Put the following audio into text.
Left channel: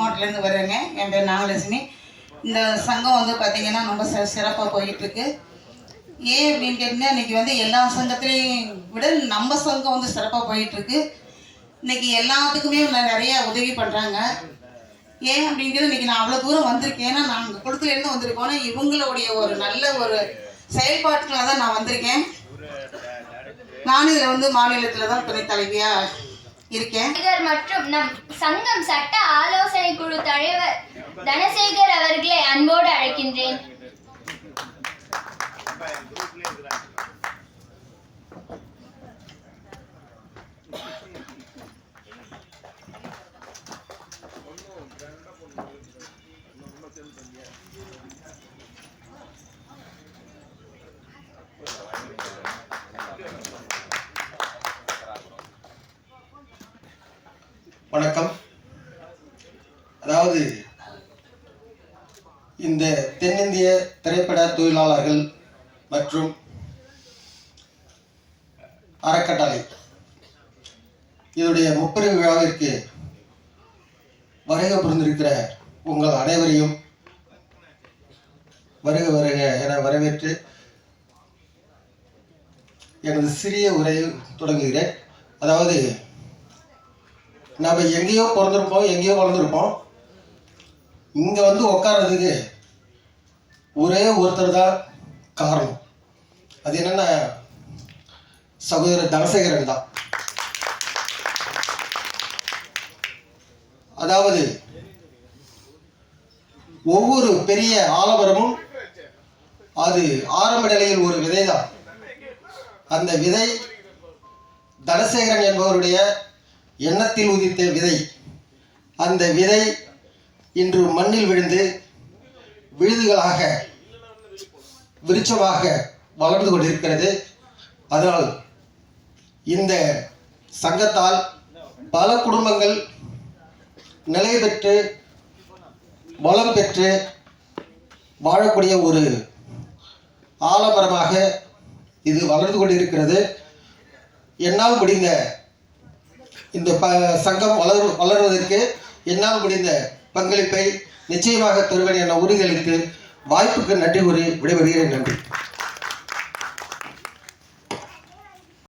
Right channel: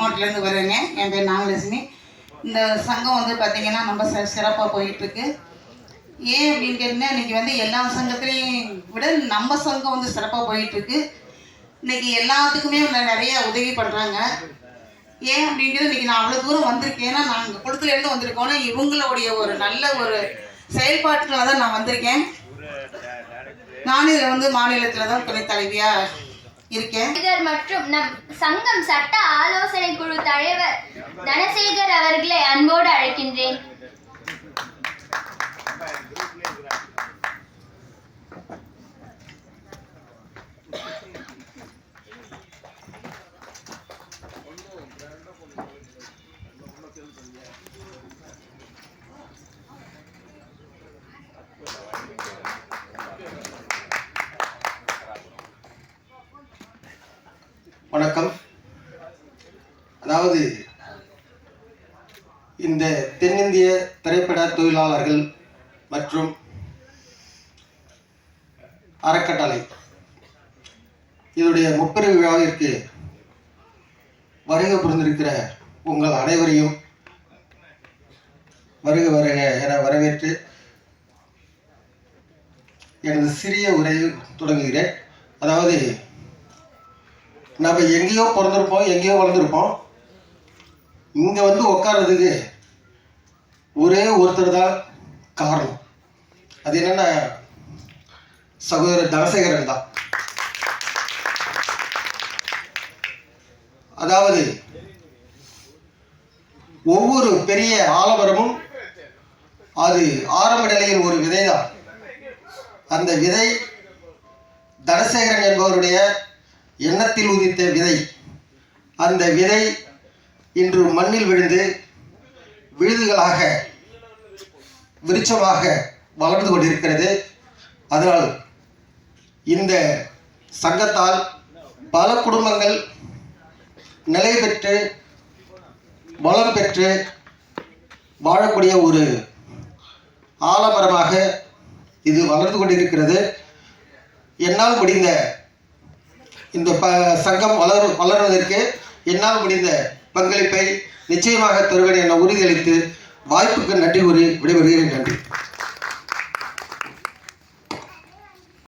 மாவட்டத்துலேருந்து வரேங்க. என் பேர் நாகலட்சுமி. இந்த சங்கம் வந்து பார்த்திங்கன்னா ரொம்ப சிறப்பாக போயிட்டுருக்கு. ஏன் அப்படின்னு கேட்டிங்கன்னா, இன்றைக்கி வந்து எல்லா சங்கத்துலேயும் விட நம்ம சங்கம் வந்து சிறப்பாக போயிட்டுருக்கு. இன்றைக்கி எல்லாத்துக்குமே நிறைய உதவி பண்ணுறாங்க. ஏன் அப்படிங்கிறது இன்றைக்கி நான் அவ்வளோ தூரம் வந்திருக்கேன். ஏன்னா நாங்கள் குளத்துலேருந்து வந்திருக்கோன்னா இவங்களுடைய ஒரு நல்ல ஒரு செயல்பாட்டுக்காக தான் நான் வந்திருக்கேன். நானும் இதில் வந்து மாநிலத்தில் தான் துணைத் தலைவியாக இருக்கேன். மற்றும் நம் சங்கம் சட்ட ஆலோசனை குழு தலைவர் தனசேகர் அவர்களை அன்போடு அழைக்கின்றேன். வணக்கம். அதாவது இந்த தென்னிந்திய திரைப்பட தொழிலாளர்கள் மற்றும் அறக்கட்டளை இதனுடைய முப்பெரும் விழாவிற்கு வருகை புரிந்திருக்கிற உங்கள் அனைவரையும் வருக வருக என வரவேற்று எனது சிறிய உரையை தொடங்குகிறேன். அதாவது நம்ம எங்கேயோ பிறந்திருப்போம், எங்கேயோ வளர்ந்துருப்போம். இங்கே வந்து உட்கார்றதுக்கு ஒரே ஒருத்தர் தான் காரணம். அது என்னென்னா சகோதரர் தனசேகரன் தான். அதாவது ஒவ்வொரு பெரிய ஆலமரமும் அது ஆரம்ப நிலையில் ஒரு விதை தான். அந்த விதை தனசேகரன் என்பவருடைய எண்ணத்தில் உதித்த விதை. அந்த விதை இன்று மண்ணில் விழுந்து விழுதுகளாக விருட்சமாக வளர்ந்து கொண்டிருக்கிறது. அதனால் இந்த சங்கத்தால் பல குடும்பங்கள் நிலை பெற்று வளம் பெற்று வாழக்கூடிய ஒரு ஆலமரமாக இது வளர்ந்து கொண்டிருக்கிறது. என்னால் முடிந்த இந்த சங்கம் வளர்வதற்கு என்னால் முடிந்த பங்களிப்பை நிச்சயமாக தருவேன் என உறுதியளித்து வாய்ப்புக்கு நன்றி கூறி விடைபெறுகிறேன். நன்றி.